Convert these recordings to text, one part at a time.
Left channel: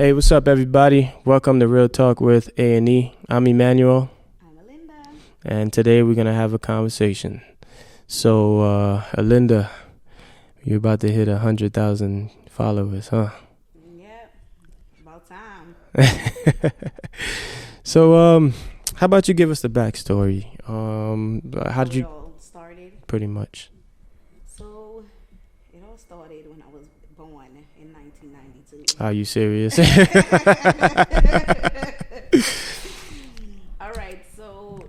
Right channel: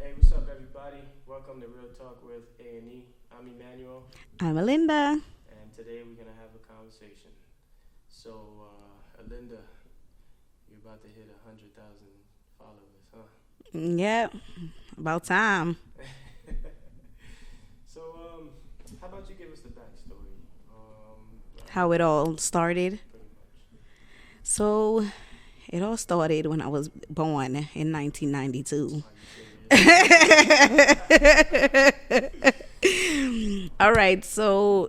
Hey, what's up, everybody? Welcome to Real Talk with A&E. I'm Emmanuel, I'm Alinda. and today we're gonna have a conversation. So, Alinda, you're about to hit 100,000 followers, huh? Yep, about time. So, how about you give us the backstory? How did it you all started. pretty much? So, it all started when I was born in 1992. Are you serious? All right, so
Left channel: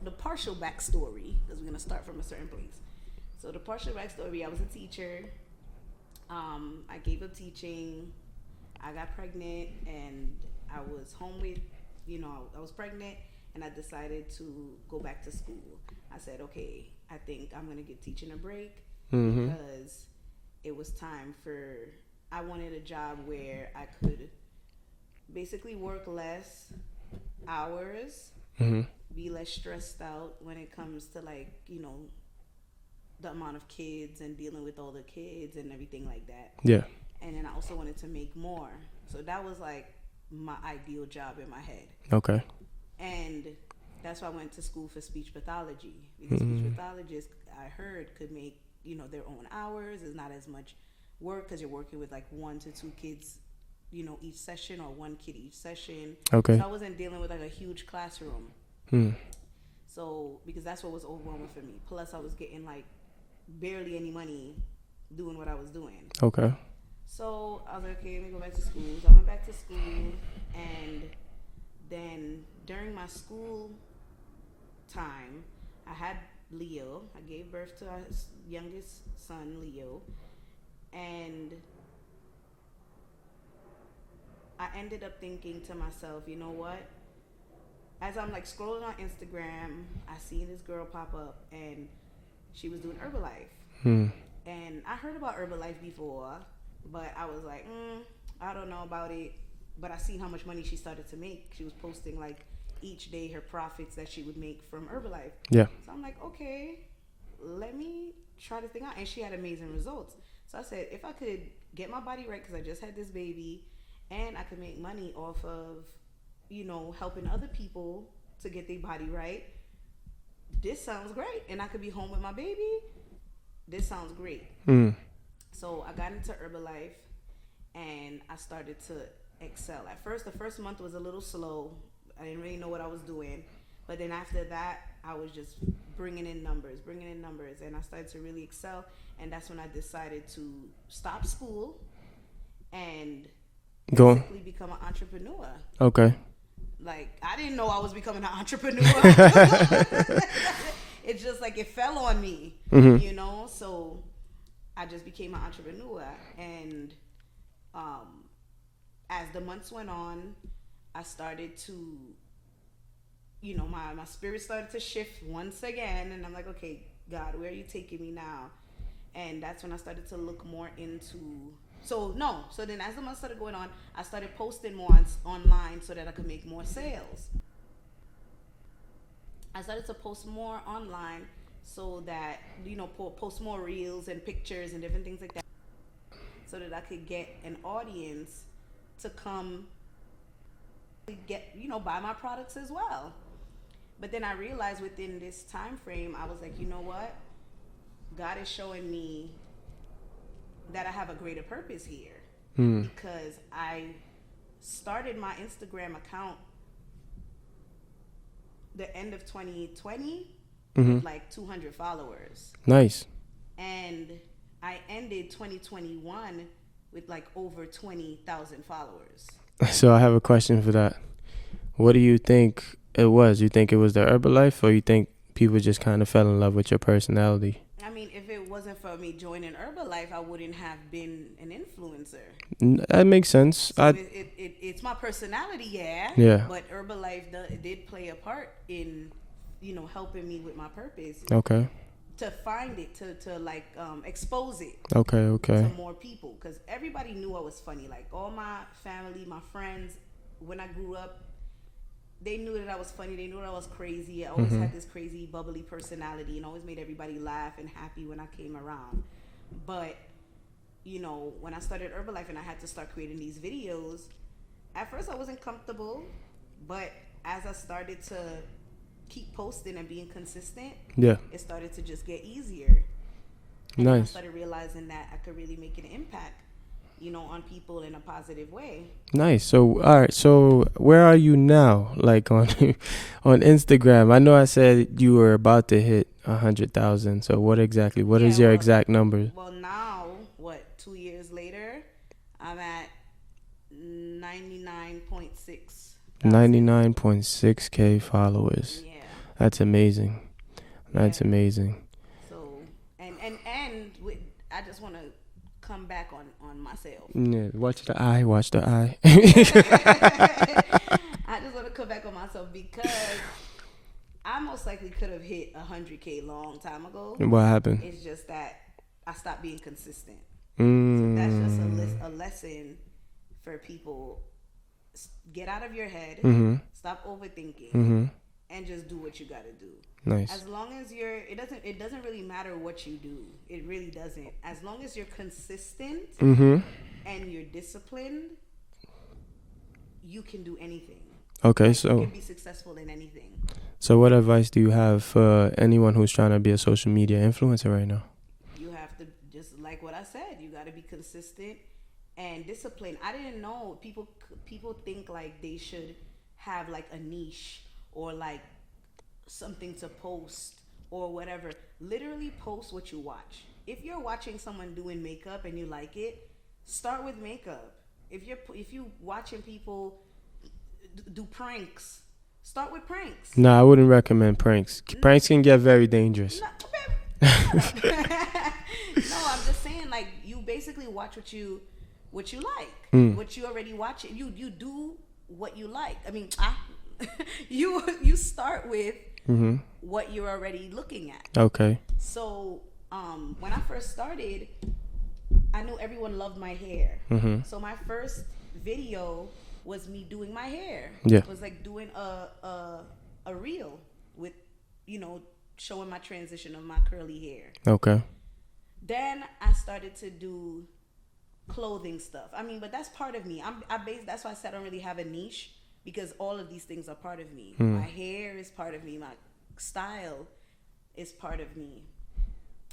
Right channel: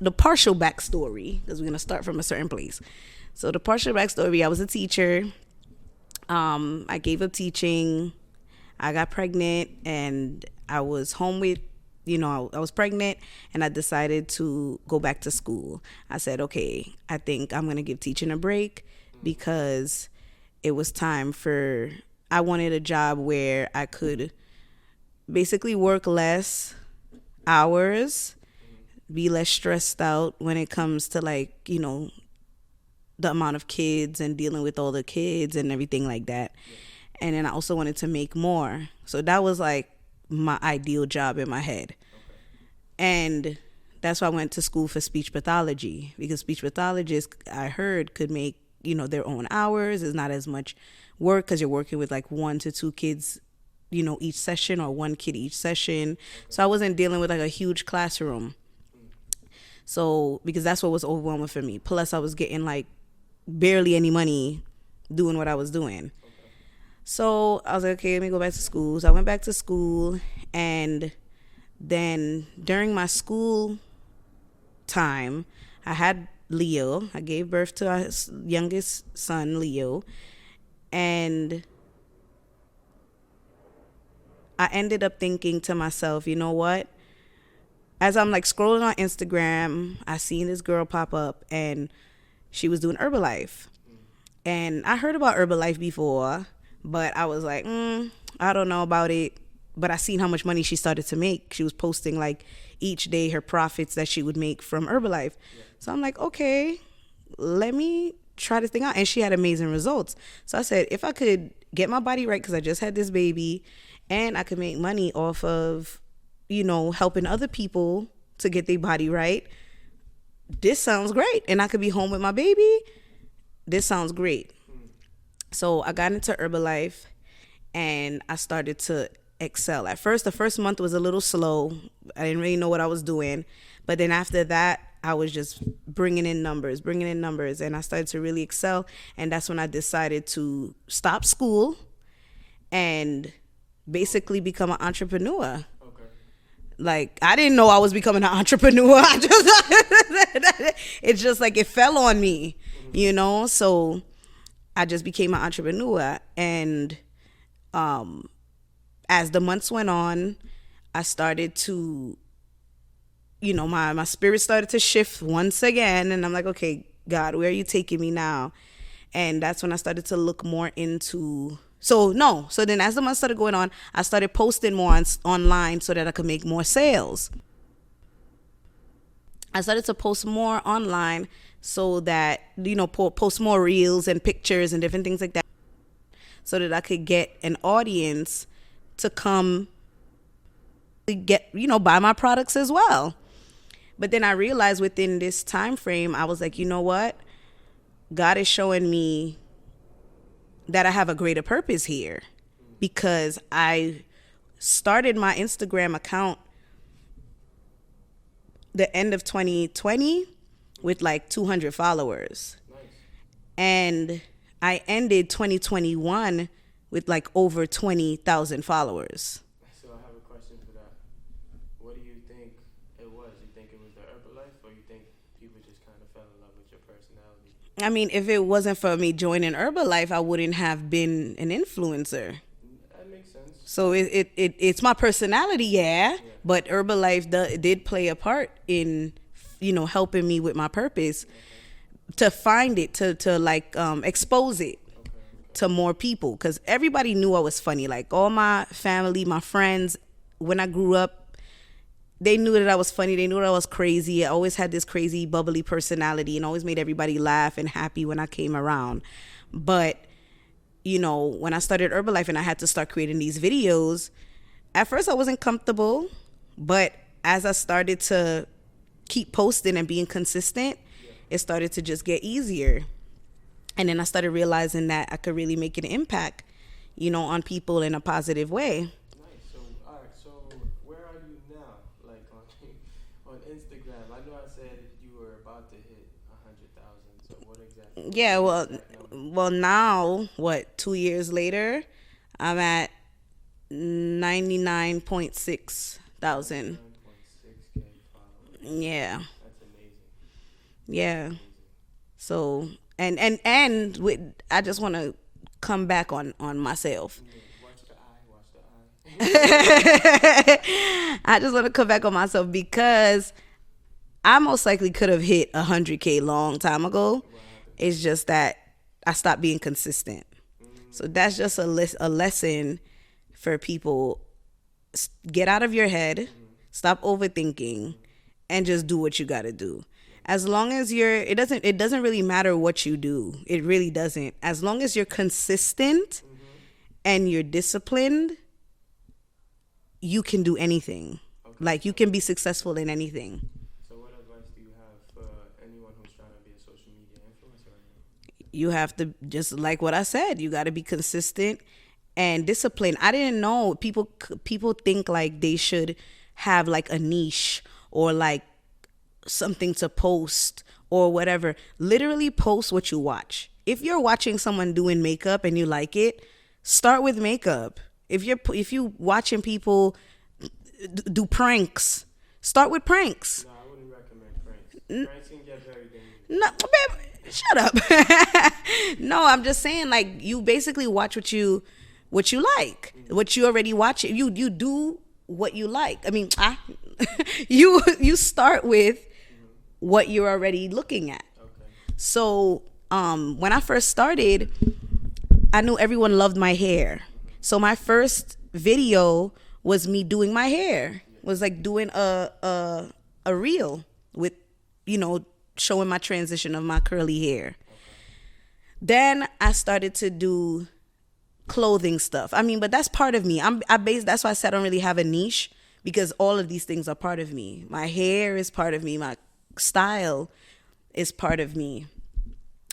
the partial backstory, because we're gonna start from a certain place. So the partial backstory: I was a teacher. I gave up teaching. I got pregnant, and I was home with, I was pregnant, and I decided to go back to school. I said, okay, I think I'm gonna give teaching a break because it was time for. I wanted a job where I could basically work less hours, be less stressed out when it comes to the amount of kids and dealing with all the kids and everything like that. Yeah. And then I also wanted to make more. So that was like my ideal job in my head. Okay. And that's why I went to school for speech pathology, because speech pathologists, I heard, could make, their own hours. It's not as much work because you're working with like 1 to 2 kids, each session, or 1 kid each session. Okay. So I wasn't dealing with like a huge classroom. So because that's what was overwhelming for me. Plus I was getting like barely any money doing what I was doing. Okay. So I was like, okay, let me go back to school. So I went back to school, and then during my school time, I had Leo. I gave birth to our youngest son, Leo, and I ended up thinking to myself, you know what? As I'm like scrolling on Instagram, I seen this girl pop up, and she was doing Herbalife. And I heard about Herbalife before, but I was like, I don't know about it. But I seen how much money she started to make. She was posting like each day her profits that she would make from Herbalife. Yeah. So I'm like, okay, let me try this thing out. And she had amazing results. So I said, if I could get my body right, because I just had this baby, and I could make money off of, helping other people to get their body right, this sounds great. And I could be home with my baby. This sounds great. So I got into Herbalife, and I started to excel. At first, the first month was a little slow. I didn't really know what I was doing. But then after that, I was just bringing in numbers. And I started to really excel. And that's when I decided to stop school and basically become an entrepreneur. Okay. Like, I didn't know I was becoming an entrepreneur. It's just like it fell on me, So I just became an entrepreneur. And as the months went on, I started to, my spirit started to shift once again. And I'm like, okay, God, where are you taking me now? And that's when I started to look more into... So then as the months started going on, I started posting more online so that I could make more sales. I started to post more online so that, post more reels and pictures and different things like that, so that I could get an audience to come get, buy my products as well. But then I realized within this time frame, I was like, you know what? God is showing me that I have a greater purpose here, because I started my Instagram account the end of 2020 with like 200 followers. Nice. And I ended 2021 with like over 20,000 followers. So I have a question for that. What do you think it was? You think it was the Herbalife, or you think people just kind of fell in love with your personality? I mean, if it wasn't for me joining Herbalife, I wouldn't have been an influencer. That makes sense. So it's my personality, yeah. Yeah. But Herbalife did play a part in, helping me with my purpose. Okay. To find it, to expose it. Okay. To more people, because everybody knew I was funny. Like all my family, my friends, when I grew up, they knew that I was funny. They knew that I was crazy. I always had this crazy, bubbly personality, and always made everybody laugh and happy when I came around. But when I started Herbalife and I had to start creating these videos, at first I wasn't comfortable, but as I started to keep posting and being consistent, it started to just get easier. And then I started realizing that I could really make an impact, on people in a positive way. Nice. So, all right. So where are you now? Like on Instagram? I know I said you were about to hit 100,000. So what is your exact number? Well, now, 2 years later, I'm at 99.6 thousand. 99.6K followers. Yeah. That's amazing. That's amazing. So, and I just want to come back on myself. Yeah, watch the eye. I just want to come back on myself because I most likely could have hit 100K long time ago. What happened? It's just that I stopped being consistent. So that's just a lesson for people. Get out of your head, stop overthinking, and just do what you got to do. Nice. As long as it doesn't really matter what you do. It really doesn't. As long as you're consistent and you're disciplined, you can do anything. Okay. You can be successful in anything. So what advice do you have for anyone who's trying to be a social media influencer right now? You have to, just like what I said, you got to be consistent and disciplined. I didn't know people think like they should have like a niche or like something to post or whatever. Literally post what you watch. If you're watching someone doing makeup and you like it, start with makeup. If you watching people do pranks, start with pranks. No, I wouldn't recommend pranks. Pranks can get very dangerous. No, babe, shut up. No, I'm just saying, like, you basically watch what you like, what you already watch. You do what you like. I mean, you start with what you're already looking at. Okay. So when I first started, I knew everyone loved my hair. So my first video was me doing my hair. Yeah. It was like doing a reel with, showing my transition of my curly hair. Okay. Then I started to do clothing stuff. I mean, but that's part of me. That's why I said I don't really have a niche, because all of these things are part of me. My hair is part of me. My style is part of me.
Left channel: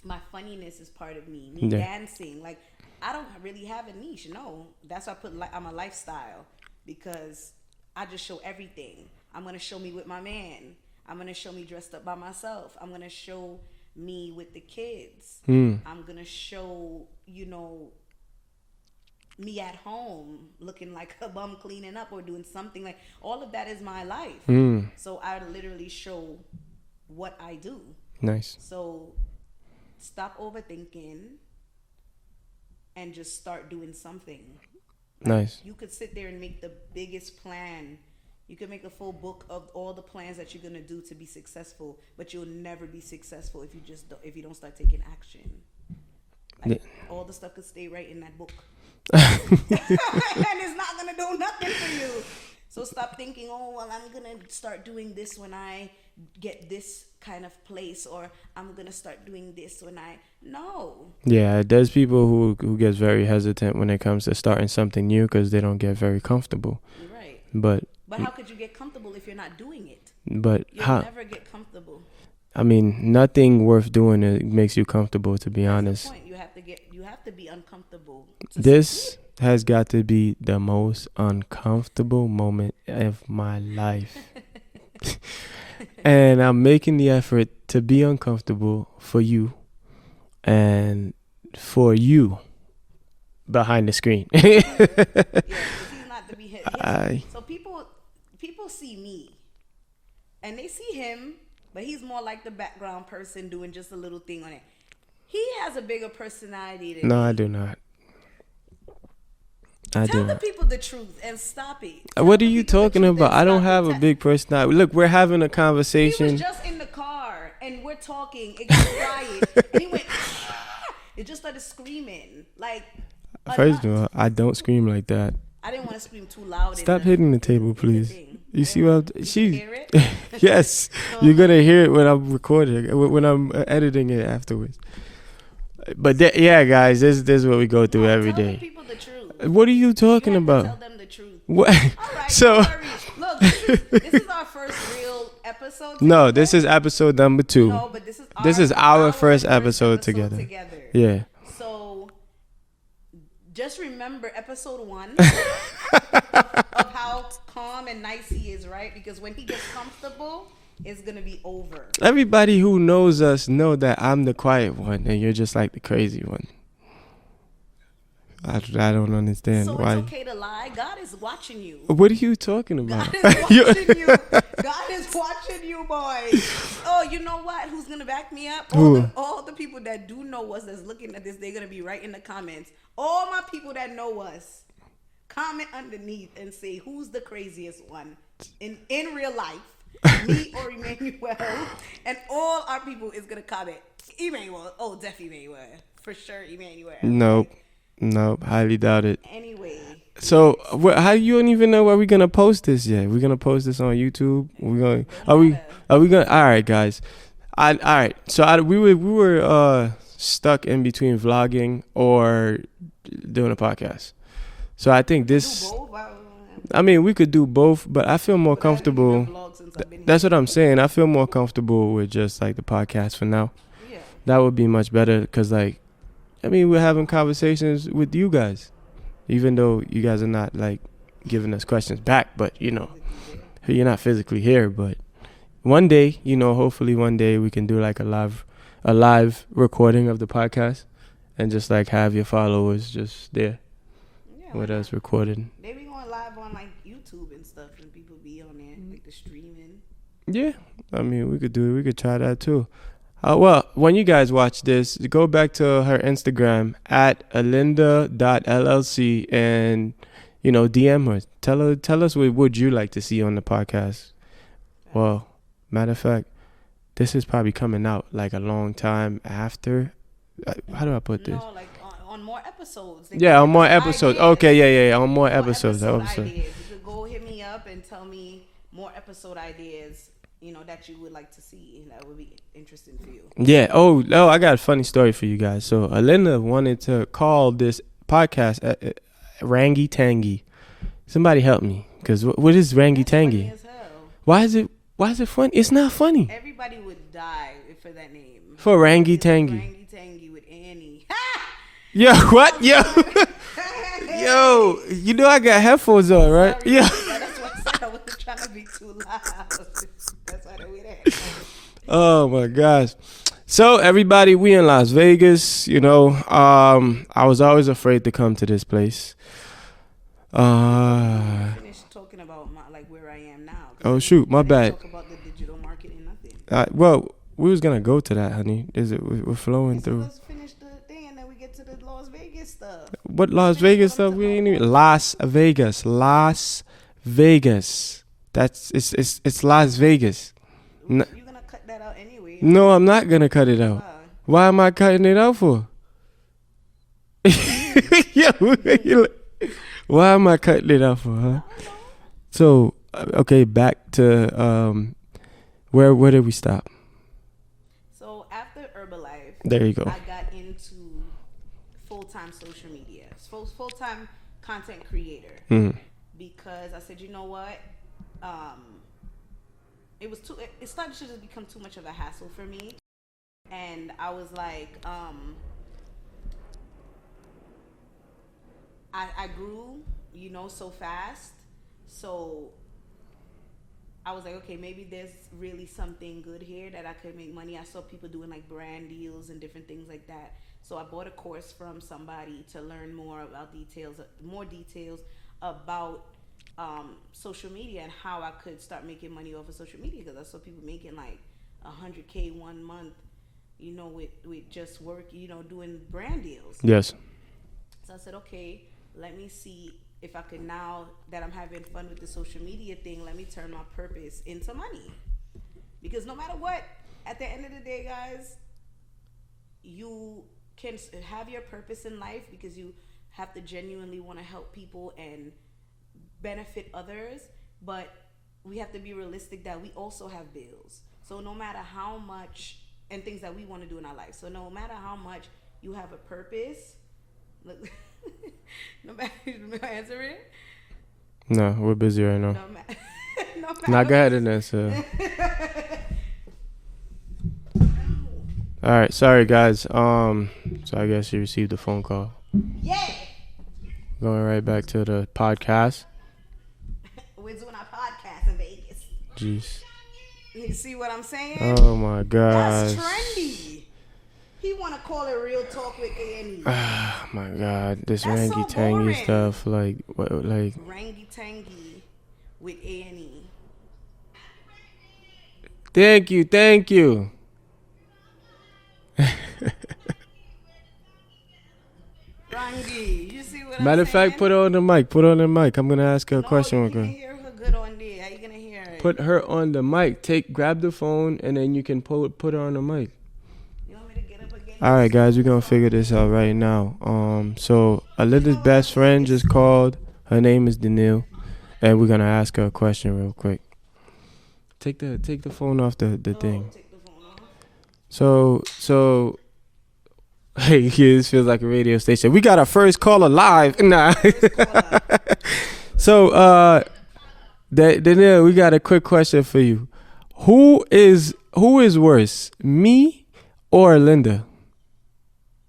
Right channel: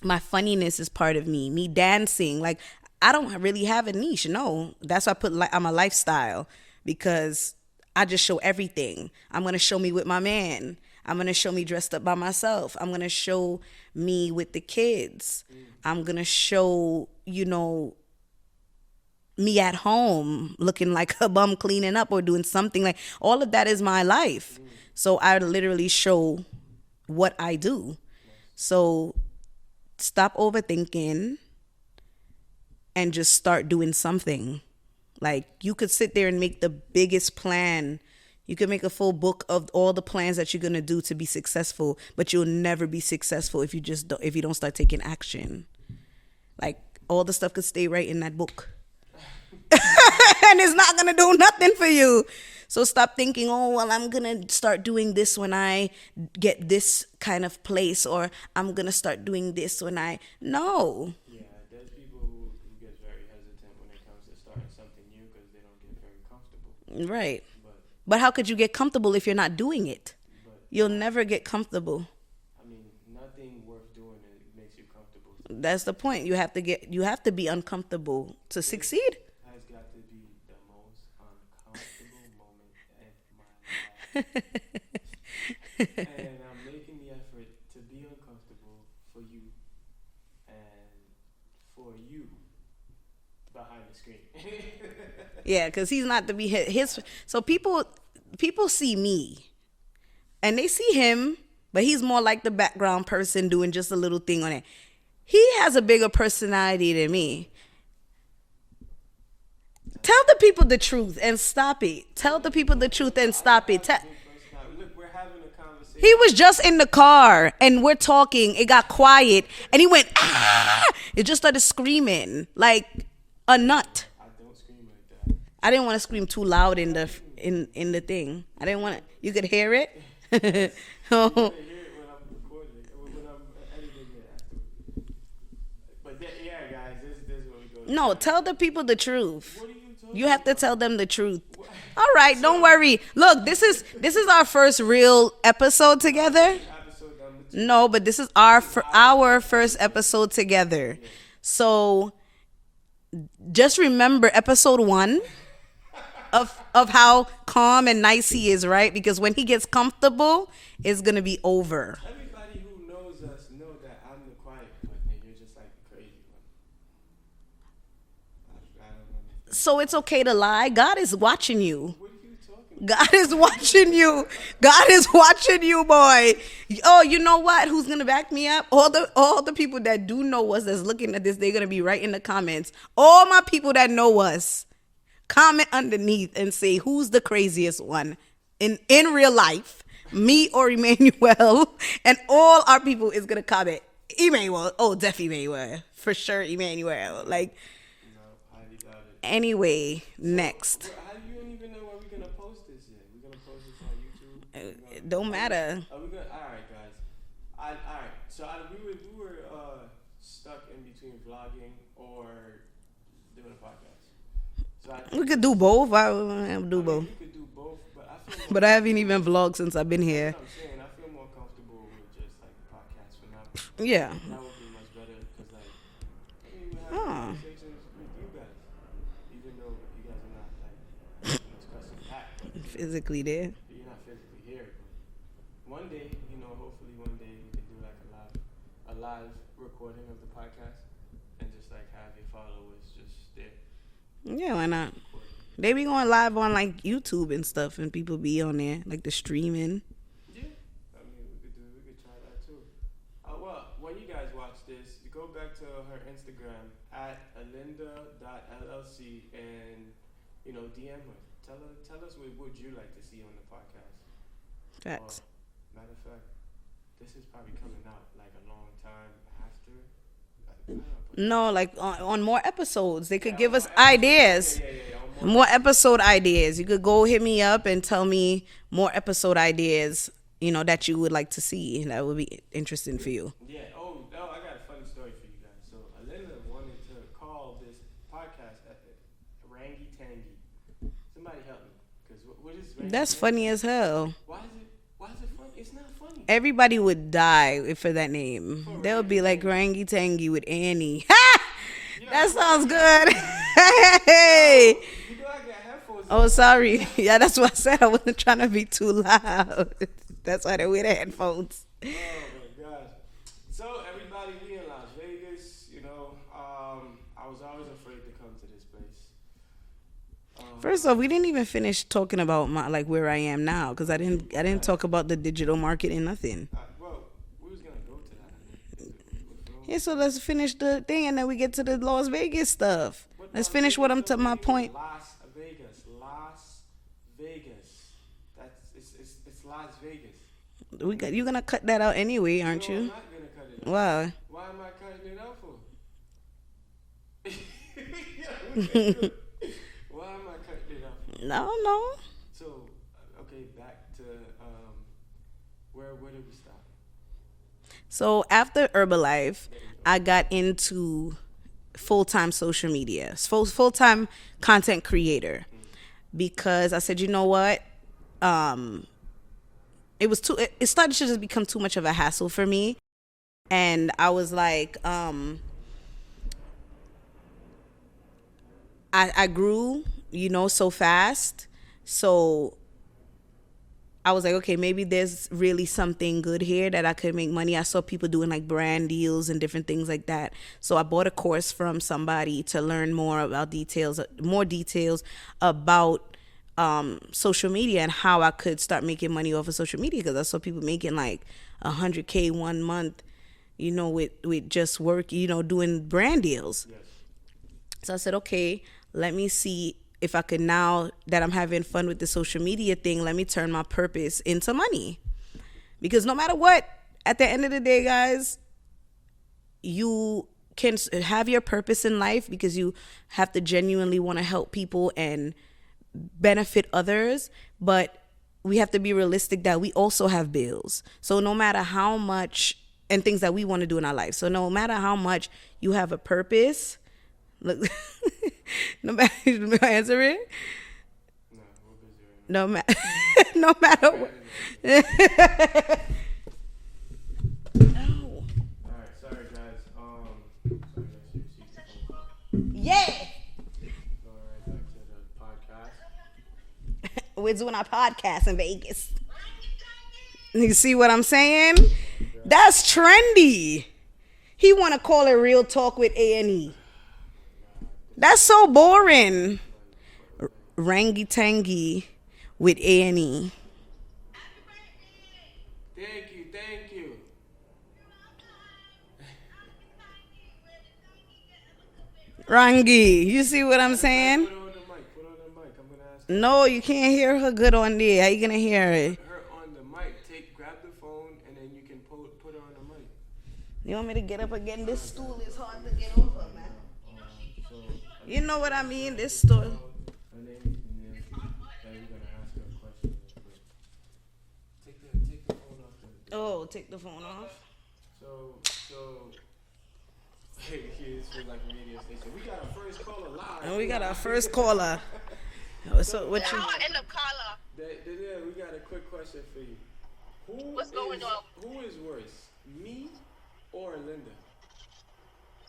My funniness is part of me. Me dancing. Like, I don't really have a niche. No, that's why I put I'm a lifestyle, because I just show everything. I'm going to show me with my man. I'm going to show me dressed up by myself. I'm going to show me with the kids. I'm going to show, me at home looking like a bum cleaning up or doing something. Like, all of that is my life. So I literally show what I do. Nice. So stop overthinking and just start doing something. Like, nice. You could sit there and make the biggest plan. You could make a full book of all the plans that you're going to do to be successful, but you'll never be successful if you don't start taking action. Like, all the stuff could stay right in that book. And it's not going to do nothing for you. So stop thinking, oh, well, I'm going to start doing this when I get this kind of place, or I'm going to start doing this when no. Yeah, there's people who gets very hesitant when it comes to starting something new because they don't get very comfortable. Right. But how could you get comfortable if you're not doing it? But you'll never get comfortable. I mean, nothing worth doing it makes you comfortable, to be honest. That's the point. You have to be uncomfortable to this succeed. Has got to be the most uncomfortable moment of my life. And I'm making the effort to be uncomfortable for you and for you behind the screen. Yeah, because he's not to be hit. So people see me and they see him, but he's more like the background person doing just a little thing on it. He has a bigger personality than me. No, I do not. Tell the people the truth and stop it. What are you talking about? I don't have a big personality. Look, we're having a conversation. He was just in the car and we're talking. It got quiet and he went, ah! It just started screaming like a nut. All, I don't scream like that. I didn't want to scream too loud. Stop hitting the table, please. In the thing. You can hear it? Yes. You're going to hear it when I'm recording, when I'm editing it afterwards. But yeah, guys, this is what we go through every tell day. the people the truth. What are you talking about? You have to tell them the truth. What? All right, So, don't worry. Look, this is our first real episode together. No, this is episode number 2. No, but this is our first episode together. Yeah. So just remember episode 1 of how calm and nice he is, right? Because when he gets comfortable, it's gonna be over. Everybody who knows us know that I'm the quiet one and you're just like the crazy one. I don't understand. So it's okay to lie. God is watching you. What are you talking about? God is watching you. God is watching you, boy. Oh, you know what? Who's gonna back me up? All the people that do know us that's looking at this, they're gonna be right in the comments. All my people that know us, comment underneath and say who's the craziest one in real life. Me or Emmanuel, and all our people is gonna comment Emmanuel. Oh, definitely Emmanuel for sure. Emmanuel. No, highly doubt it. Anyway, so how you don't even know where we're gonna post this yet? We're gonna post this on YouTube. Don't matter. Are we gonna? All right, guys. All right. So we were stuck in between vlogging or doing a podcast. So I think we could do both. We could do both, but I feel more comfortable. But I haven't even vlogged since I've been here. That's what I'm saying. I feel more comfortable with just like the podcast for now. Yeah. That would be much better because we're having conversations with you guys, even though you guys are not like giving us questions back, but physically there. You're not physically here, but one day, hopefully one day we can do like a live recording of the podcast and just like have your followers just there. Yeah, why not? Recorded. They be going live on like YouTube and stuff, and people be on there like the streaming. Yeah, we could do it. We could try that too. Well, when you guys watch this, go back to her Instagram at alinda.llc and DM her. Tell us what would you like to see on the podcast. Thanks. Well, matter of fact, this is probably coming out like a long time after. How do I put this? No, like on more episodes. On more episodes. Ideas. Okay, yeah, on more episodes. More episode ideas. You could go hit me up and tell me more episode ideas, that you would like to see. That would be interesting for you. Yeah. Oh, I got a funny story for you guys. So Alinda wanted to call this podcast Rangy Tangy. Somebody help me. Because what is Rangy Tangy? That's funny as hell. Why is it funny? It's not funny. Everybody would die for that name. For Rangy Tangy. Like Rangy Tangy with Annie. Yo, what? Yo. Hey. Yo, I got headphones on, right? Sorry. Yeah, that's what I said. I wasn't trying to be too loud. That's why they wear the headphones. Oh, my gosh. So, everybody, we in Las Vegas, I was always afraid to come to this place. So we didn't even finish talking about where I am now. My bad. I didn't talk about the digital marketing, nothing. We was gonna go to that, honey. We're flowing? Yeah, so let's finish the thing and then we get to the Las Vegas stuff. What Las Vegas stuff? Las Vegas. It's Las Vegas. You're gonna cut that out anyway? No, I'm not gonna cut it out. Why? Why am I cutting it out for? Why am I cutting it out for? Huh? No. So, okay, back to where did we stop? So after Herbalife, there you go. I got into full-time social media, full-time content creator, because I said, you know what, it started to just become too much of a hassle for me, and I was like, I grew, so fast, so I was like, okay, maybe there's really something good here that I could make money. I saw people doing like brand deals and different things like that. So I bought a course from somebody to learn more details about social media and how I could start making money off of social media, because I saw people making like $100K 1 month, with just work, doing brand deals. Yes. So I said, okay, let me see if I could, now that I'm having fun with the social media thing, let me turn my purpose into money. Because no matter what, at the end of the day, guys, you can have your purpose in life because you have to genuinely want to help people and benefit others. But we have to be realistic that we also have bills. So no matter how much and things that we want to do in our life. So no matter how much you have a purpose, look, no matter, answer it. No, we're busy right now. No matter. No matter. Now go ahead and answer. All right, sorry guys. So I guess you received a phone call. Yeah. Going right back to the podcast. We're doing our podcast in Vegas. Jeez. You see what I'm saying? Oh my god. That's trendy. He want to call it Real Talk with A&E. Oh my god. That's so boring. Stuff, like Rangy Tangy with A&E. Thank you. Rangy, you see what I'm saying? Matter of fact, put her on the mic. I'm gonna ask her a question. No, you can't hear her good on there. How you gonna hear it? Put her on the mic. Grab the phone, and then you can put her on the mic. You want me to get up again? All right, guys, we're gonna figure this out right now. So Alinda's best friend just called. Her name is Danielle, and we're gonna ask her a question real quick. Take the phone off the thing. Take the phone off. So. Hey, this feels like a radio station. We got our first caller live. Nah. First caller. So, Danielle, we got a quick question for you. Who is worse, me or Alinda?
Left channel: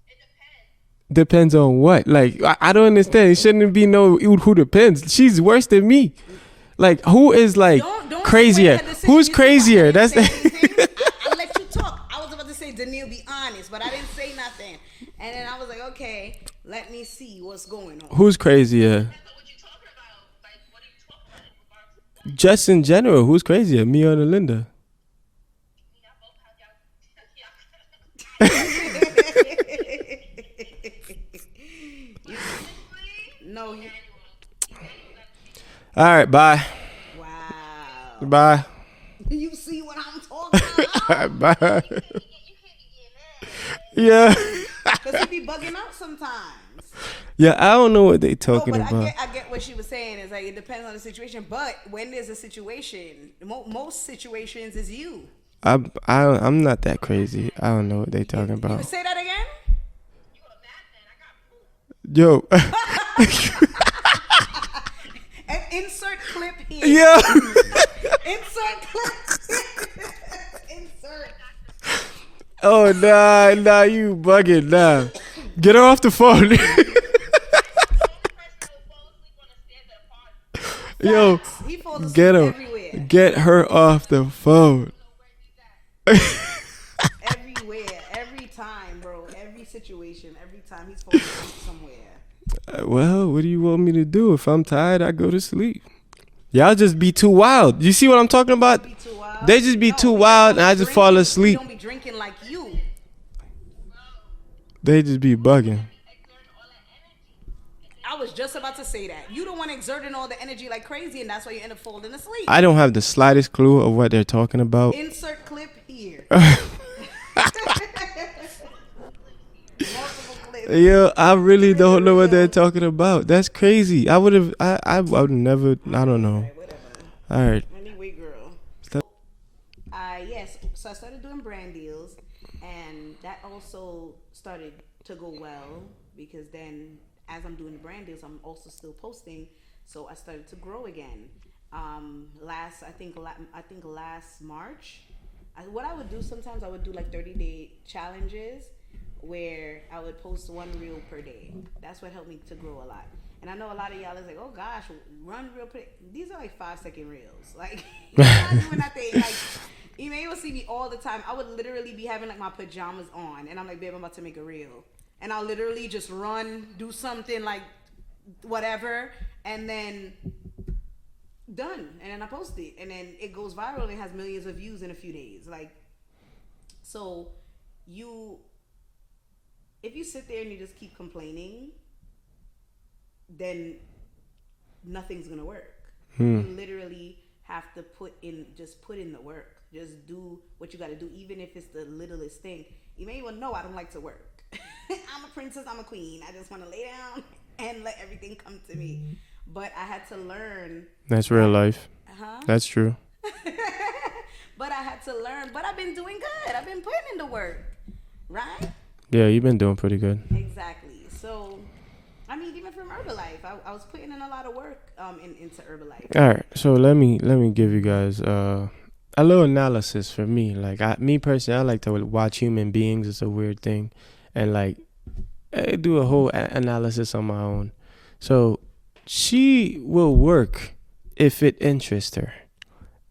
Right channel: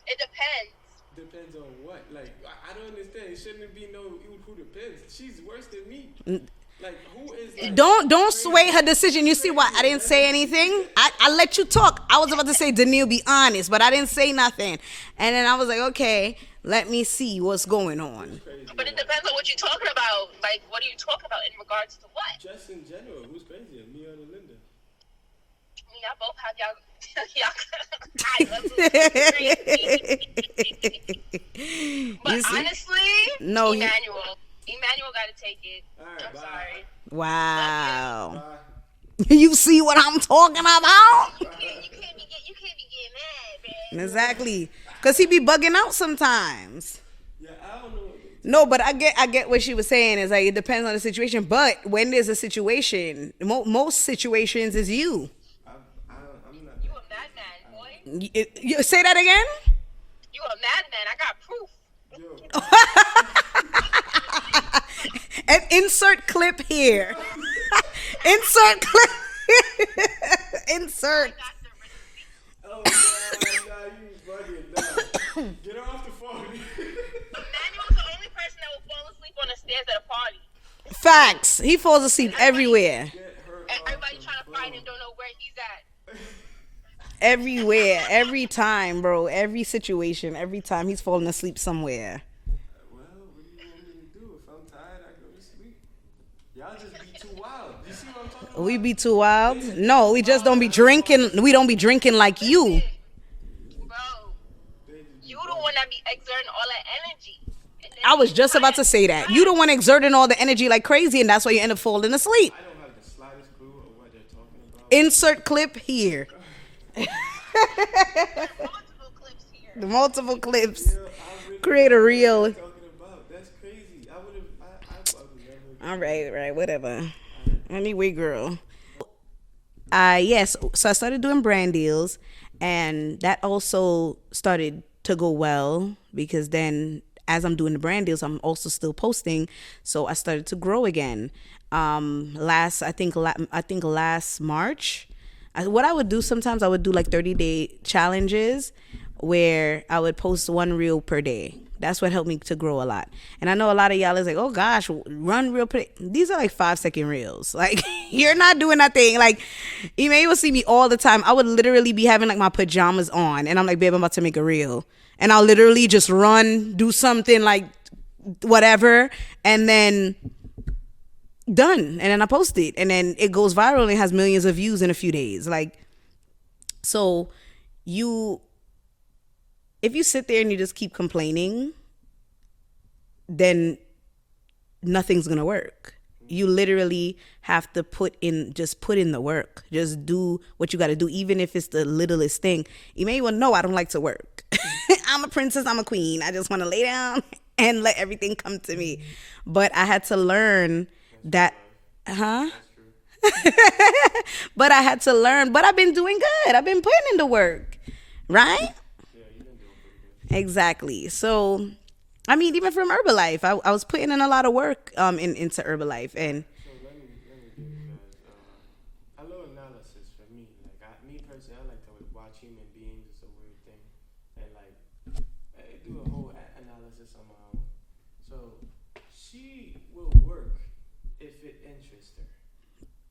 It depends. Depends on what? Like, I don't understand. It shouldn't be no who depends. She's worse than me. Like, who is like don't crazier? Sway her decision. Who's you crazier? See what? I didn't say anything. I let you talk. I was about to say, Danielle, be honest, but I didn't say nothing. And then I was like, okay, let me see what's going on. Who's crazier? But it depends on what you're talking about. Like, what are you talking about in regards to what? Just in general, who's crazier, me or Alinda? Y'all both have y'all. But honestly, no, Emmanuel got to take it. All right, bye. Wow. Bye. You see what I'm talking about? Bye. You can't be getting mad. Yeah. Because he be bugging out sometimes. Yeah, I don't know what they talking about. No, but I get what she was saying. Is like it depends on the situation. But when there's a situation, most situations is you. I'm not that crazy. I don't know what they talking about. You say that again? You a madman. I got proof. Yo. And insert clip here. Yeah. Insert clip. Insert. Oh nah, you bugging nah. Get her off the phone. The only person that will fall asleep on the stairs at a party. Facts. He falls asleep everywhere. Get her off the phone. Don't know where he's at. Everywhere. Every time, bro. Every situation. Every time he's falling asleep somewhere. Well, what do you want me to do? If I'm tired, I go to sleep. Y'all just be too wild. You see what I'm talking about? We be too wild. They just be too wild and I just fall asleep. We don't be drinking like you. Bro, They just be you the one bugging. that be exerting all that energy. I was just about to say that. You the one exerting all the energy like crazy, and that's why you end up falling asleep. I don't have the slightest clue of what they're talking about. Insert clip here. Multiple clips. Yeah, I really Create don't a know what they're reel. talking about. That's crazy. I would never. I don't know. Right, whatever. All right. Anyway, girl. Stop. Yes. So I started doing brand deals, and that also started to go well because then, as I'm doing the brand deals, I'm also still posting. So I started to grow again. Last March, what I would do sometimes, I would do like 30-day challenges where I would post one reel per day. That's what helped me to grow a lot. And I know a lot of y'all is like, oh gosh, run reel per day. These are like 5-second reels. Like, you're not doing nothing. Like, you may even see me all the time. I would literally be having like my pajamas on and I'm like, babe, I'm about to make a reel. And I'll literally just run, do something like whatever, and then done. And then I post it. And then it goes viral and it has millions of views in a few days. Like, so if you sit there and you just keep complaining, then nothing's going to work. You literally have to put in the work. Just do what you got to do, even if it's the littlest thing. You may well know I don't like to work. I'm a princess. I'm a queen. I just want to lay down and let everything come to me. But I had to learn. That's real life. Huh? That's true. But I had to learn. But I've been doing good. I've been putting in the work, right? Yeah, you've been doing pretty good. Exactly. So, I mean, even from Herbalife, I was putting in a lot of work into Herbalife. All right, so let me give you guys a little analysis for me. Like me personally, I like to watch human beings. It's a weird thing, and like I do a whole analysis on my own. So she will work if it interests her.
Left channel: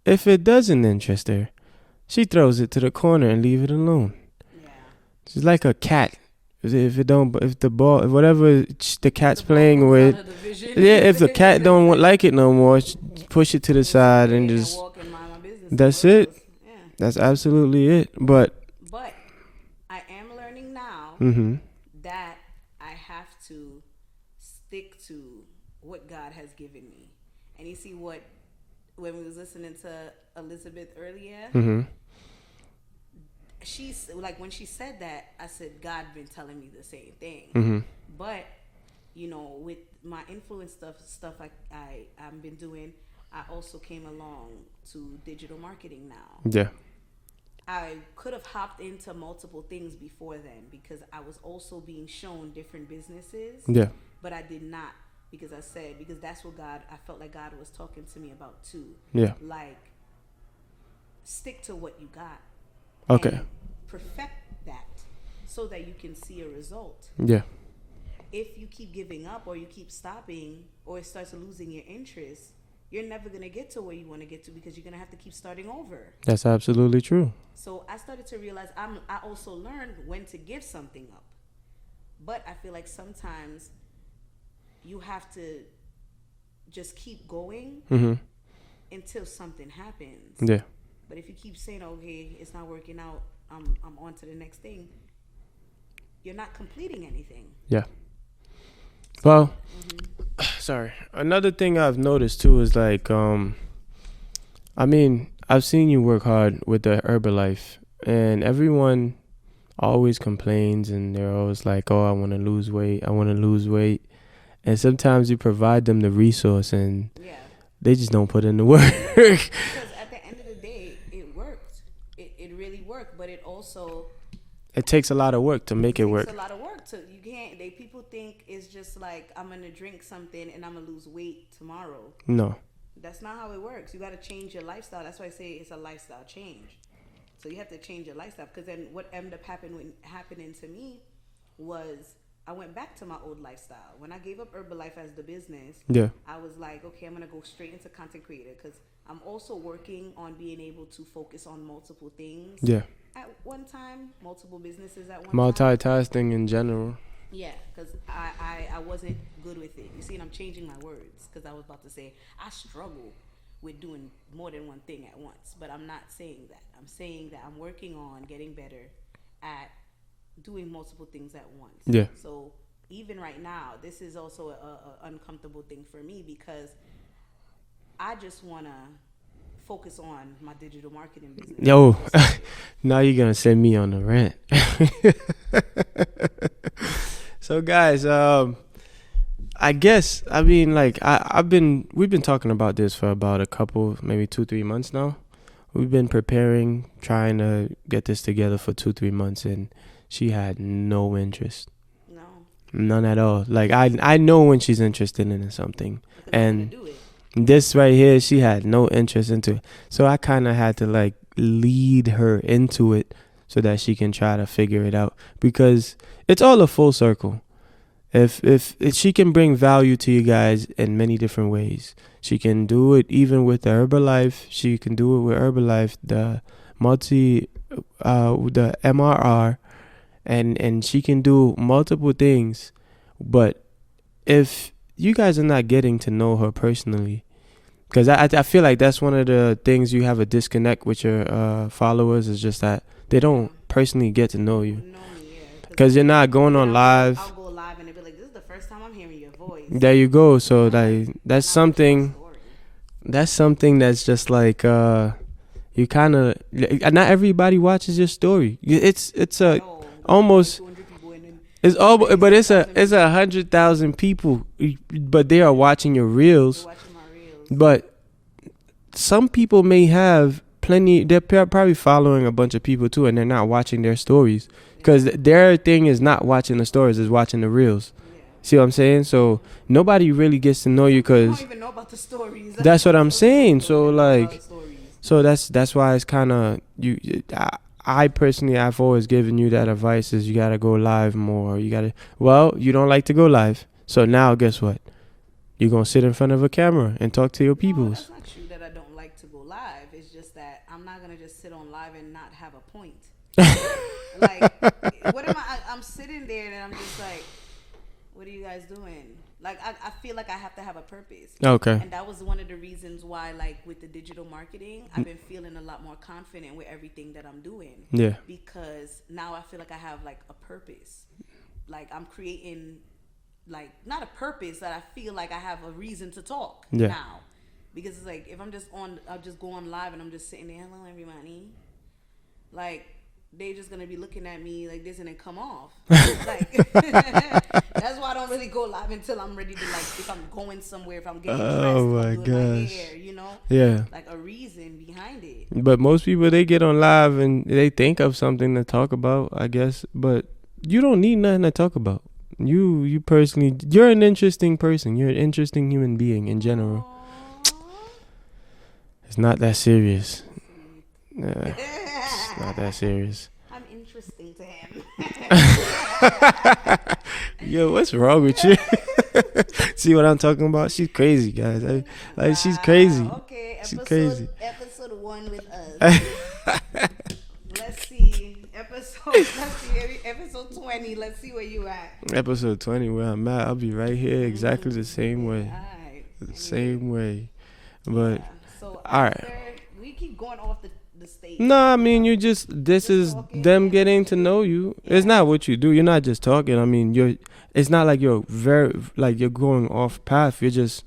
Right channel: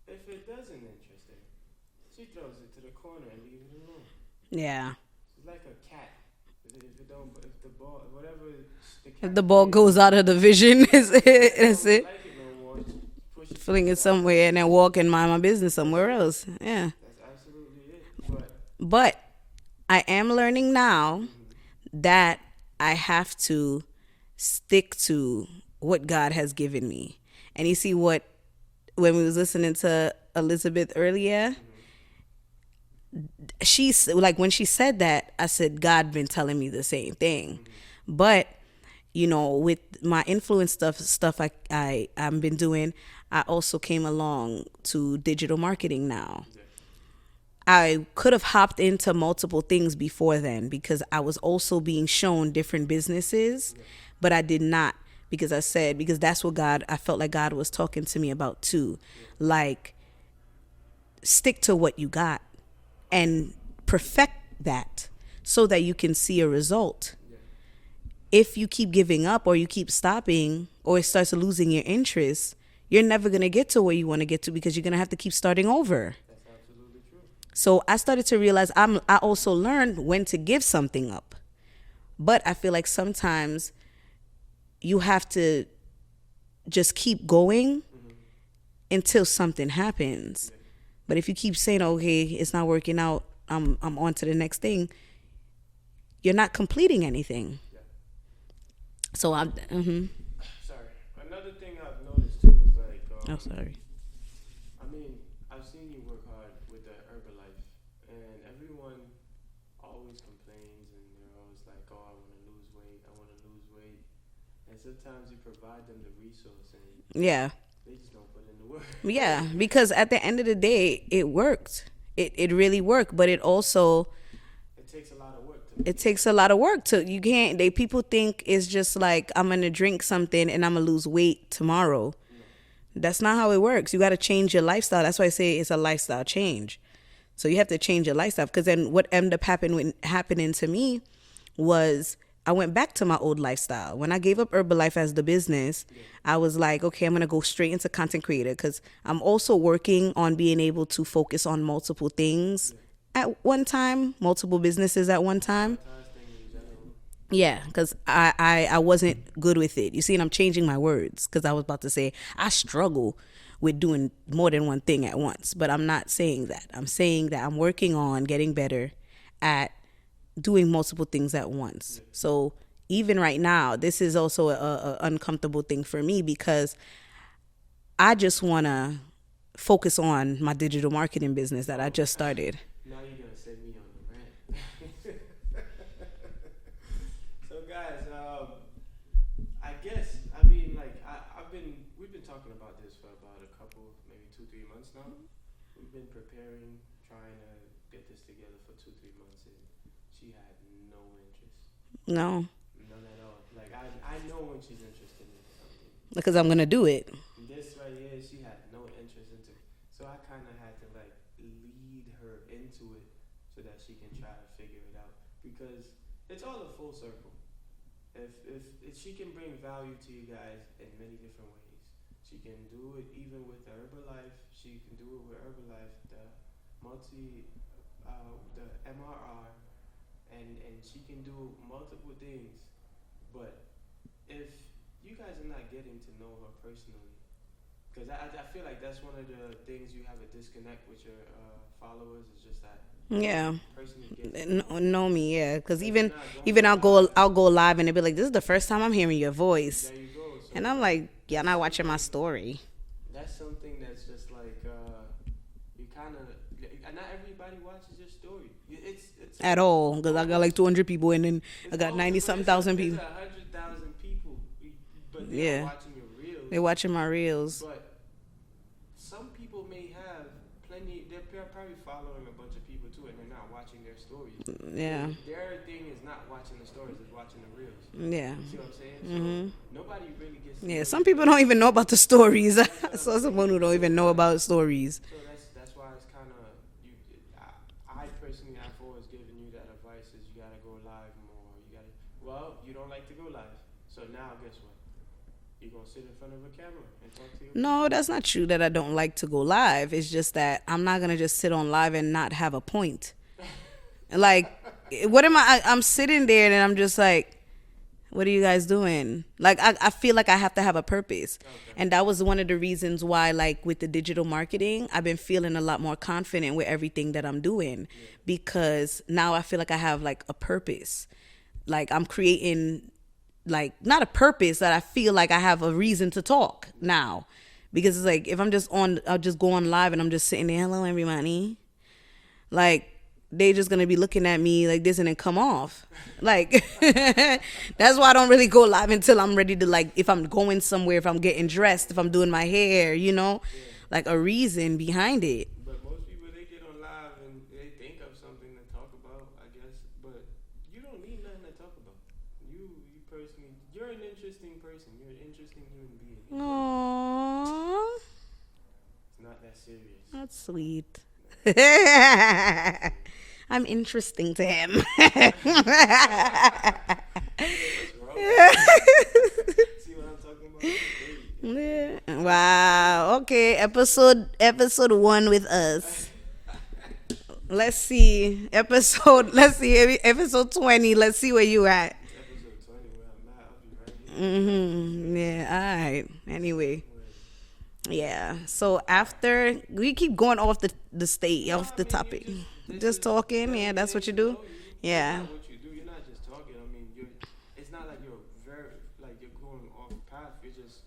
If it doesn't interest her, she throws it to the corner and leave it alone. Yeah. She's like a cat. If the ball, whatever the cat's The ball playing goes with, out of the vision. yeah. If the cat don't like it no more, push it to the Swing it side somewhere and then just, walk and mind my business that's somewhere it. else. Yeah. That's absolutely it. But I am learning now that I have to stick to what God has given me. And you see when we was listening to Elizabeth earlier, she's like, when she said that, I said, God been telling me the same thing. But you know, with my influence stuff I've been doing, I also came along to digital marketing now. yeah, I could have hopped into multiple things before then because I was also being shown different businesses. yeah, But I did not, because that's what I felt like God was talking to me about too. yeah. Like, stick to what you got Okay. and perfect that so that you can see a result. Yeah, If you keep giving up or you keep stopping or it starts losing your interest, you're never going to get to where you want to get to because you're going to have to keep starting over. that's absolutely true. So I started to realize I also learned when to give something up. But I feel like sometimes you have to just keep going until something happens. Yeah, But if you keep saying, okay, it's not working out, I'm on to the next thing, you're not completing anything. yeah. So Well, sorry. Another thing I've noticed too is like, I mean, I've seen you work hard with the Herbalife, and everyone always complains, and they're always like, "Oh, I want to lose weight. I want to lose weight." And sometimes you provide them the resource, and yeah. they just don't put in the work. Yeah, because at the end of the day, it worked. It really worked, but it also It takes a lot of work to make it work. takes a lot of work to people think it's just like I'm gonna drink something and I'm gonna lose weight tomorrow. No. That's not how it works. You got to change your lifestyle. That's why I say it's a lifestyle change. So you have to change your lifestyle, because then what ended up happening to me was I went back to my old lifestyle. When I gave up Herbalife as the business, Yeah. I was like, okay, I'm going to go straight into content creator, because I'm also working on being able to focus on multiple things Yeah. at one time, multiple businesses at one time. Multitasking in general. Yeah, because I wasn't good with it. You see, and I'm changing my words, because I was about to say I struggle with doing more than one thing at once. But I'm not saying that. I'm saying that I'm working on getting better at doing multiple things at once. Yeah. So even right now, this is also a uncomfortable thing for me, because I just want to focus on my digital marketing business that I just started. Now you're going to send me on the rant. So guys, I guess, I mean, like, we've been talking about this for about a couple, maybe 2-3 months now. We've been preparing, trying to get this together for 2-3 months, and she had no interest. No. None at all. Like, I know when she's interested in something. Because I'm going to do it. This right here, she had no interest into it. So I kind of had to, like, lead her into it so that she can try to figure it out. Because it's all a full circle. If she can bring value to you guys in many different ways. She can do it even with the Herbalife. She can do it with Herbalife, the the MRR, and she can do multiple things. But if you guys are not getting to know her personally, because I feel like that's one of the things you have a disconnect with your followers, is just that they don't personally get to know you. Know me, yeah. Because you're not going on live. I'll go live and they'll be like, "This is the first time I'm hearing your voice." There you go. So like, that's not watching my something. story. That's something that's just like you kind of, not everybody watches your story. It's At all. almost like 200 people, and then it's all, but it's 90,000 100,000 people, but they are Yeah. watching your reels. They're watching my reels. But some people may have plenty. They're probably following a bunch of people too, and they're not watching their stories because their thing is not watching the stories, is watching the reels. Yeah. See what I'm saying? So nobody really gets to know you because people because don't even know about the stories. that's what I'm saying. Don't So even know like, about stories. so that's why it's kind of I personally, I've always given you that advice: is you gotta go live more. You gotta. Well, you don't like to go live, so now guess what? You're going to sit in front of a camera and talk to your people. No, that's not true that I don't like to go live. It's just that I'm not going to just sit on live and not have a point. Like, what am I'm sitting there and I'm just like, what are you guys doing? Like, I feel like I have to have a purpose. Okay. And that was one of the reasons why, like, with the digital marketing, I've been feeling a lot more confident with everything that I'm doing. Yeah. Because now I feel like I have, like, a purpose. Like, I'm creating... like not a purpose, that I feel like I have a reason to talk now, because it's like if I'm just on, I'll just go on live and I'm just sitting there, hello everybody, like they just gonna be looking at me like this and then come off. Like that's why I don't really go live until I'm ready to, like, if I'm going somewhere, if I'm getting dressed, if I'm doing my hair, you know, like a reason behind it. But most people, they get on live and they think of something to talk about, I guess, but you don't need nothing to talk about. You personally, you're an interesting person. You're an interesting human being in general. Aww. It's not that serious. That's sweet. It's not that serious. I'm interesting to him. Yo, what's wrong with you? See what I'm talking about? She's crazy, guys. Like, she's crazy. Okay, episode 1 with us. Let's see, episode 20. Let's see where you at. Episode 20, where I'm at. I'll be right here, exactly the same way. All right. Anyway. Same way. But, yeah. So after we keep going off the stage. No, I mean topic. This is talking, them getting to know you. Yeah. It's not what you do. You're not just talking. I mean, it's not like you're you're going off path. You're just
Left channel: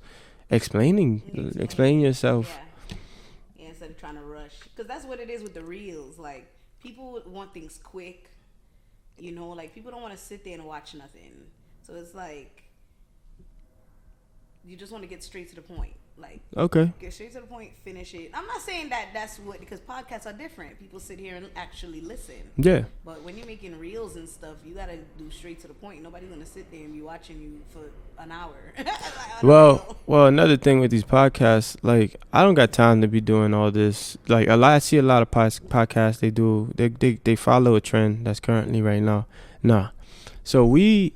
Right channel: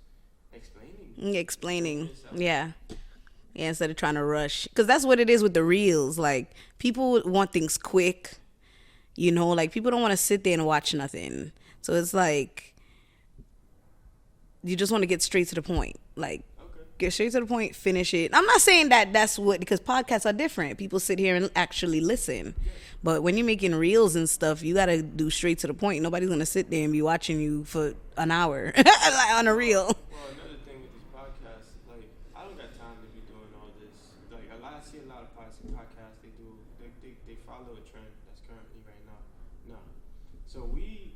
explaining yourself. Yeah. Yeah, instead of trying to rush. Because that's what it is with the reels. Like, people want things quick. You know, like, people don't want to sit there and watch nothing. So it's like, you just want to get straight to the point. Like, okay, get straight to the point, finish it. I'm not saying that that's what, because podcasts are different. People sit here and actually listen. Yeah. But when you're making reels and stuff, you got to do straight to the point. Nobody's going to sit there and be watching you for an hour on a reel. Well, another thing with these podcasts, like, I don't got time to be doing all this. Like, I see a lot of podcasts, they follow a trend that's currently right now. Nah. So we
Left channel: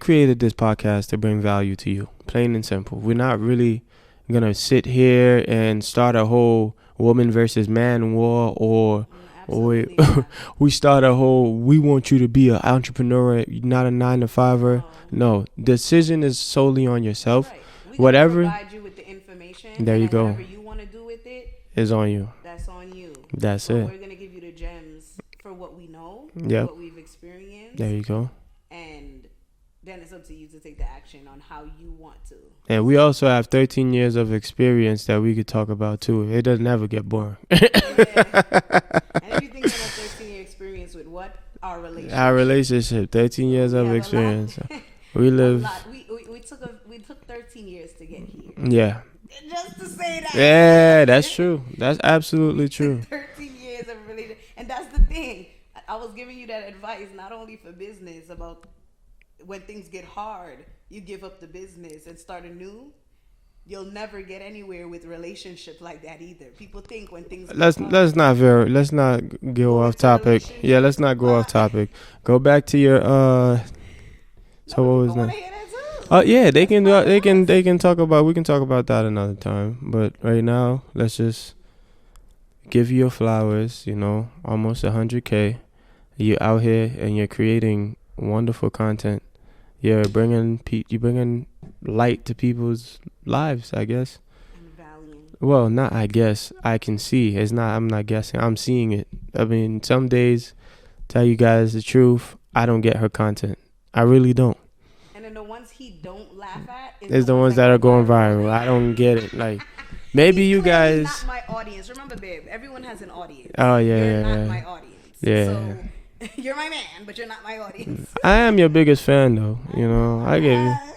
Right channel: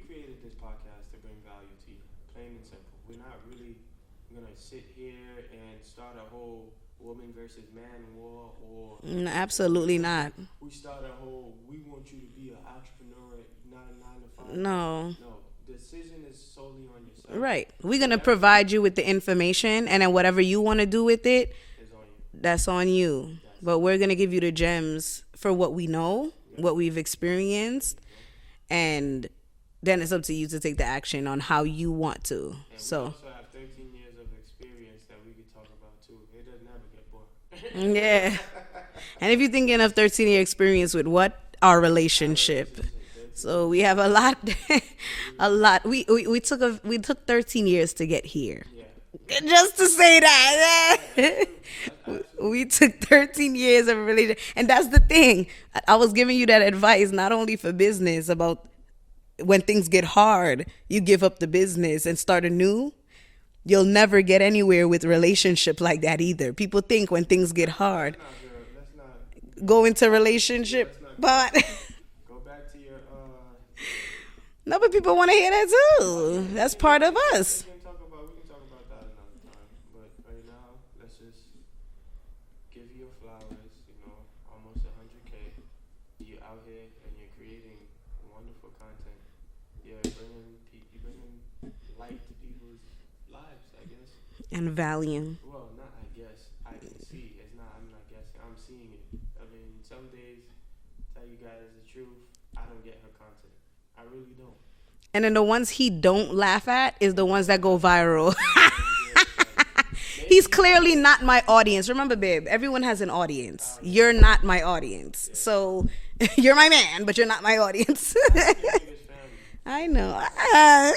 created this podcast to bring value to you, plain and simple. We're not really gonna sit here and start a whole woman versus man war, or absolutely not. We start a whole, we want you to be an entrepreneur, not a 9-to-5er. No, decision is solely on yourself. Right. We're gonna provide you with the information, and then whatever you want to do with it is on you. That's on you. But we're gonna give you the gems for what we know, what we've experienced. There you go. And then it's up to you to take the action on how you want to. And we also have 13 years of experience that we could talk about too. It doesn't ever get boring. Yeah. And if you're thinking of 13-year experience with what? Our relationship. 13 years of experience. We have a lot. We took 13 years to get here. Yeah. Just to say that. Yeah, that's true. That's absolutely true. We took 13 years of a relationship. And that's the thing. I was giving you that advice not only for business, about when things get hard, you give up the business and start anew. You'll never get anywhere with relationship like that either. People think when things get hard. Let's not go into topic. Relationship. Yeah, let's not go off topic. Go back to your No, but people want to hear that too. Oh yeah, they can talk about. We can talk about that another time. But right now, let's just give you your flowers. You know, almost 100K. You're out here and you're creating wonderful content. You're bringing light to people's lives, I guess. And value. Well, not I guess. I can see. I'm not guessing. I'm seeing it. I mean, some days, tell you guys the truth, I don't get her content. I really don't. And then the ones he don't laugh at is the ones that go viral. I don't get it. Like, maybe he's you clearly guys... not my audience. Remember, babe, everyone has an audience. Oh yeah. You're not my audience. Yeah. So you're my man, but you're not my audience. I am your biggest fan, though. I know. I get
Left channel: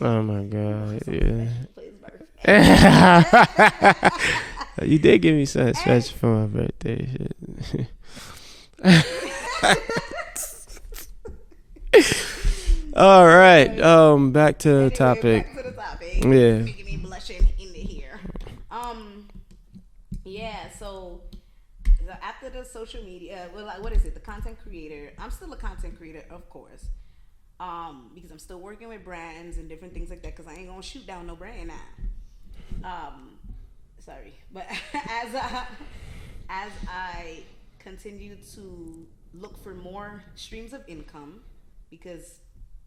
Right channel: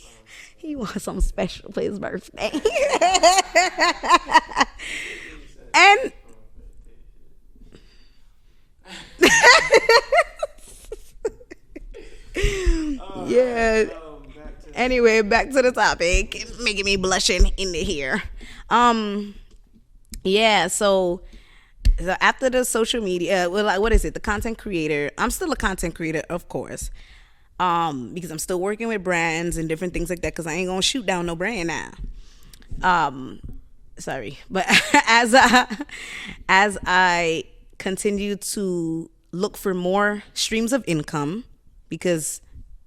Oh my god. You want some yeah. special for his birthday. You did give me something And- special for my birthday. Shit. All right. Back to the Anyway, topic. back to the topic. Yeah. It's making me blushing in the here. Yeah. So after the social media, well, like, what is it? The content creator. I'm still a content creator, of course. Because I'm still working with brands and different things like that. Because I ain't gonna shoot down no brand now. Sorry, but as I continue to look for more streams of income, because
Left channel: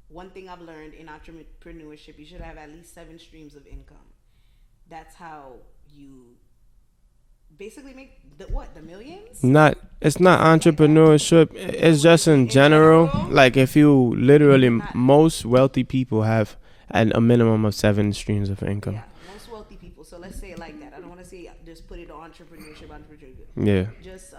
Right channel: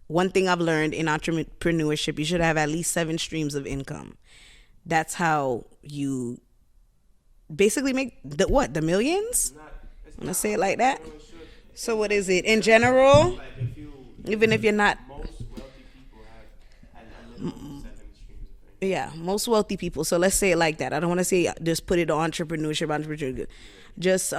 one thing I've learned in entrepreneurship, you should have at least 7 streams of income. That's how you basically make the millions. It's not Say it like that? entrepreneurship. It's what just is it? in In general. general? Like if you literally, you're not- most wealthy people have a minimum of 7 streams of income. Yeah, most wealthy people. So let's say it like that. I don't want to say just put it on entrepreneurship. Yeah. Just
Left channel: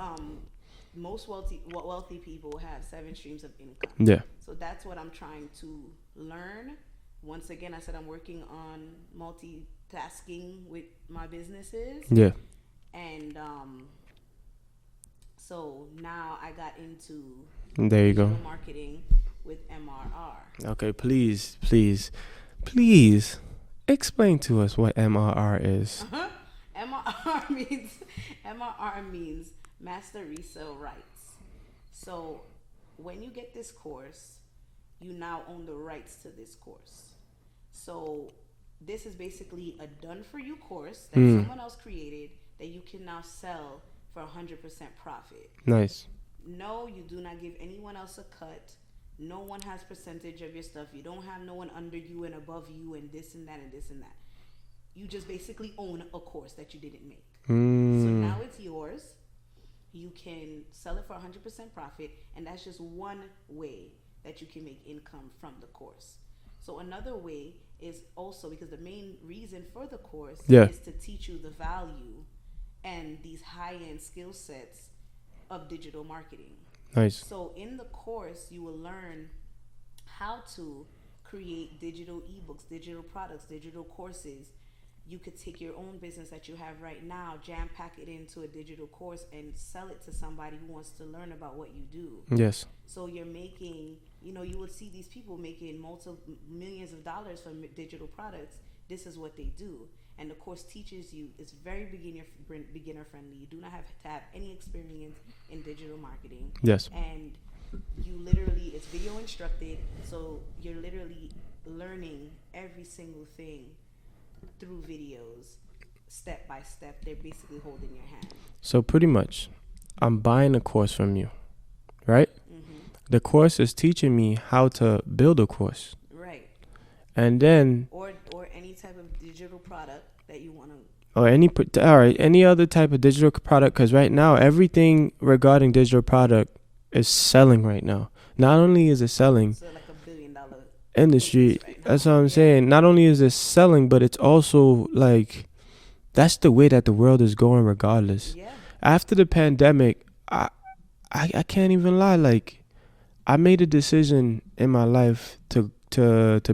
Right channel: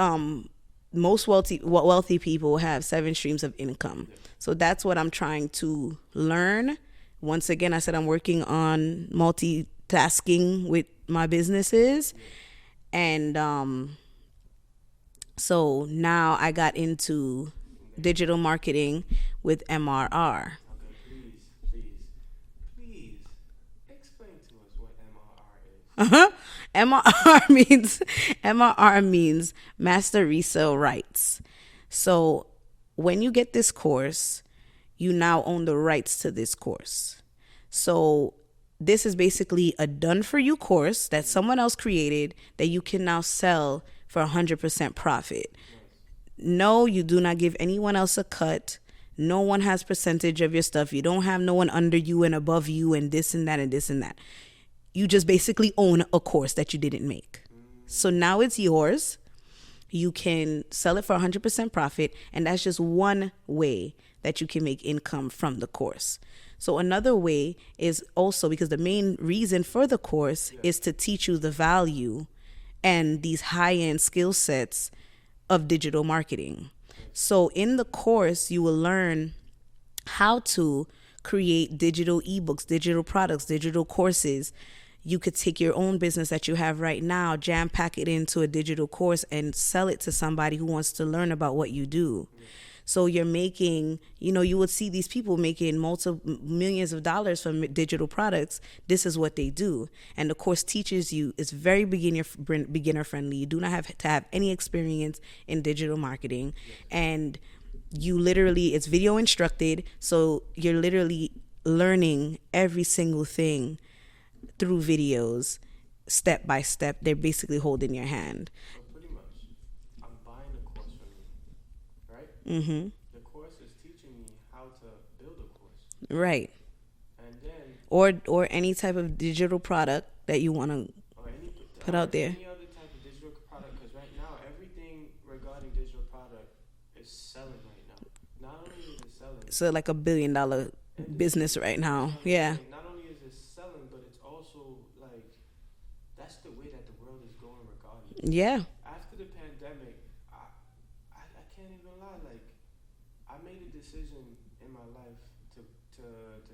most wealthy people have 7 streams of income. Yeah. So that's what I'm trying to learn. Once again, I said I'm working on multitasking with my businesses. Yeah. And so now I got into There you digital go. marketing with MRR. Okay, please explain to us what MRR is. MRR means master resale rights. So when you get this course, you now own the rights to this course. So this is basically a done for you course that someone else created that you can now sell for 100% profit. Nice. No, you do not give anyone else a cut. No one has percentage of your stuff. You don't have no one under you and above you and this and that and this and that. You just basically own a course that you didn't make. So now it's yours. You can sell it for 100% profit, and that's just one way that you can make income from the course. So another way is also, because the main reason for the course is to teach you the value and these high-end skill sets of digital marketing. Nice. So in the course, you will learn how to create digital ebooks, digital products, digital courses. You could take your own business that you have right now, jam pack it into a digital course and sell it to somebody who wants to learn about what you do. Yes. So you're making, you would see these people making millions of dollars from digital products. This is what they do. And the course teaches you, it's very beginner friendly. You do not have to have any experience in digital marketing. Yes. And you literally, it's video instructed. So you're literally learning every single thing through videos, step by step. They're basically holding your hand. So pretty much, I'm buying a course from you, right? Mm-hmm. The course is teaching me how to build a course. Right. And then... Or any type of digital product that you want to... Or any other type of digital product, because right now, everything regarding digital product is selling right now. Not only is it selling... So like $1 billion industry business right now. That's what I'm saying. Not only is it selling, but it's also like that's the way that the world is going regardless. Yeah. After the pandemic, I can't even lie, like I made a decision in my life to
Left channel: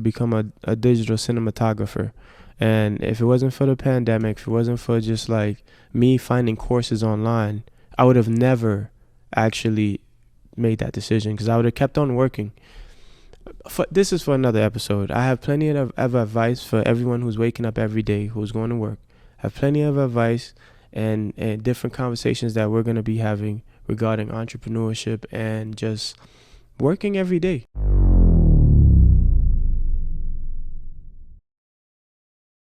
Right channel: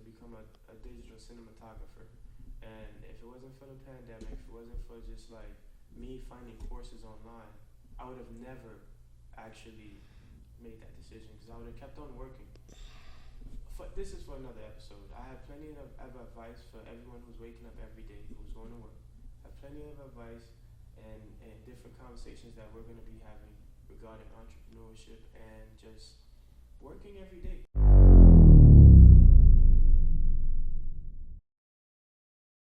become a digital cinematographer. And if it wasn't for the pandemic, if it wasn't for just like me finding courses online, I would have never actually made that decision, because I would have kept on working. This is for another episode. I have plenty of advice for everyone who's waking up every day, who's going to work. I have plenty of advice and different conversations that we're going to be having regarding entrepreneurship and just working every day.